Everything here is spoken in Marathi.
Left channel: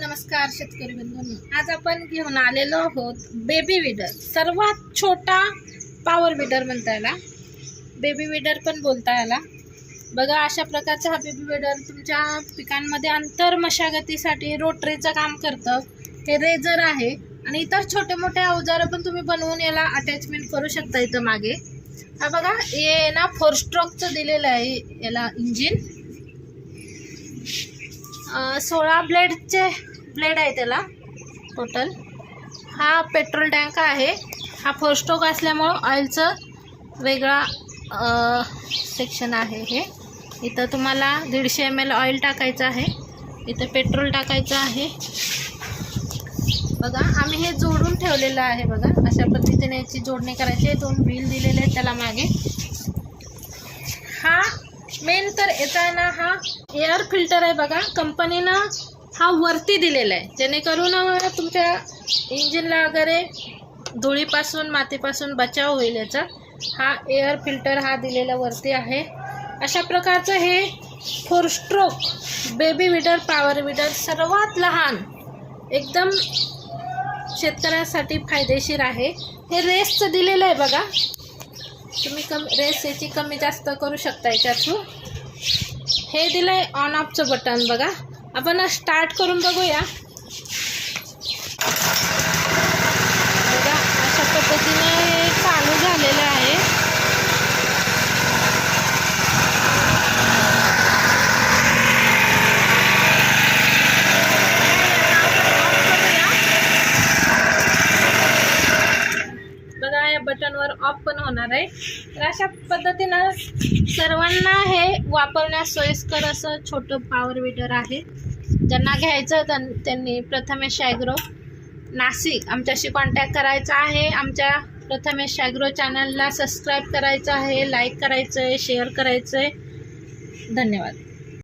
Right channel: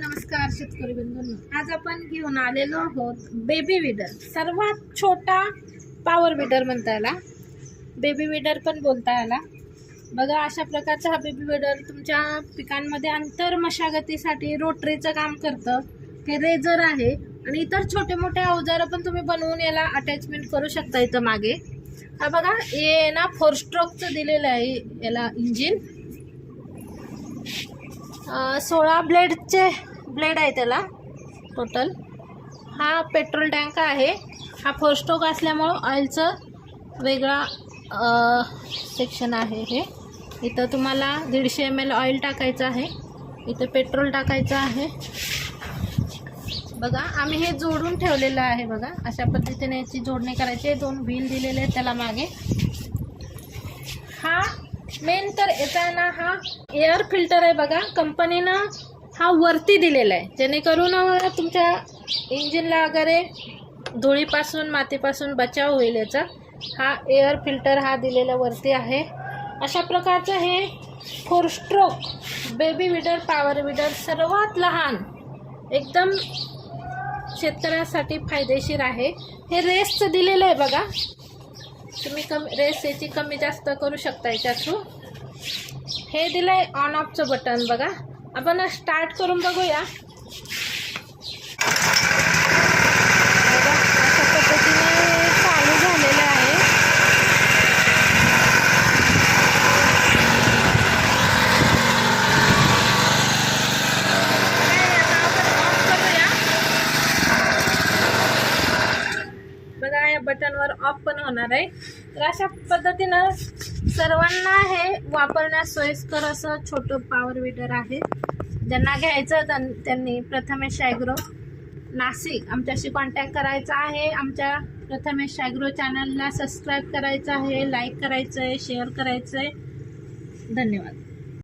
नमस्कार शेतकरी बंधूंनो. आज आपण घेऊन आलेलो आहोत बेबी विडर सर्वात छोटा पॉवर विडर म्हणता याला. बेबी विडर पण बोलता याला. बघा अशा प्रकारचा हा बेबी विडर तुमच्या पिकांमध्ये अंतर मशागतीसाठी रोटरीचं काम करतं. हे रेझर आहे आणि इतर छोटे मोठे अवजारं पण तुम्ही बनवून याला अटॅचमेंट करू शकता इथं मागे. हा बघा हे ना फोर स्ट्रोकचं दिलेलं आहे याला इंजिन सोळा ब्लेडचे ब्लेड आहे त्याला. टोटल हा पेट्रोल टँक आहे. हा फोर असल्यामुळं ऑइलचं वेगळा सेक्शन आहे हे. इथं तुम्हाला दीडशे एम एल ऑइल टाकायचं आहे. इथं पेट्रोल टाकायचं आहे. बघा आम्ही हे जोडून ठेवलेलं आहे बघा. अशा पद्धतीने याची जोडणी करायची. आहे दोन व्हील दिलेले आहेत त्याला मागे. हा मेन तर याचा आहे ना हा एअर फिल्टर आहे बघा. कंपनीनं हा वरती दिलेला आहे जेणेकरून तुमच्या इंजिनला वगैरे धुळीपासून मातीपासून बचाव होईल याचा. हा एअर फिल्टर हा दिलेला वरती आहे. अशा प्रकारचं हे four stroke baby weeder power weeder सर्वात लहान एकदम शेतकऱ्यासाठी फायदेशीर आहे. हे रेसचं दिलेलं आहे बघा. तुम्ही कम रेस याची कमी जास्त करू शकता याच्या थ्रू हे आहे ऑन ऑफचं बटन बघा. आपण स्टार्ट करून बघूया. बघा अशा पद्धतीने हे चालू झालेलं आहे. बघा या बटनवर ऑफ पण होणार आहे. तर अशा पद्धतीनं सर्वांना हे वापरण्यास सोयीस्कर असं छोटं पॉवर विडर आहे. ज्यांना घ्यायचं त्यां- त्यांनी प्रथमेश ॲग्रो नाशिक आमच्याशी कॉन्टॅक्ट करायचा आहे. आमच्या प्रथमेश ॲग्रो चॅनलला सबस्क्राईब करायचं आहे लाईक करायचं आहे शेअर करायचं आहे धन्यवाद.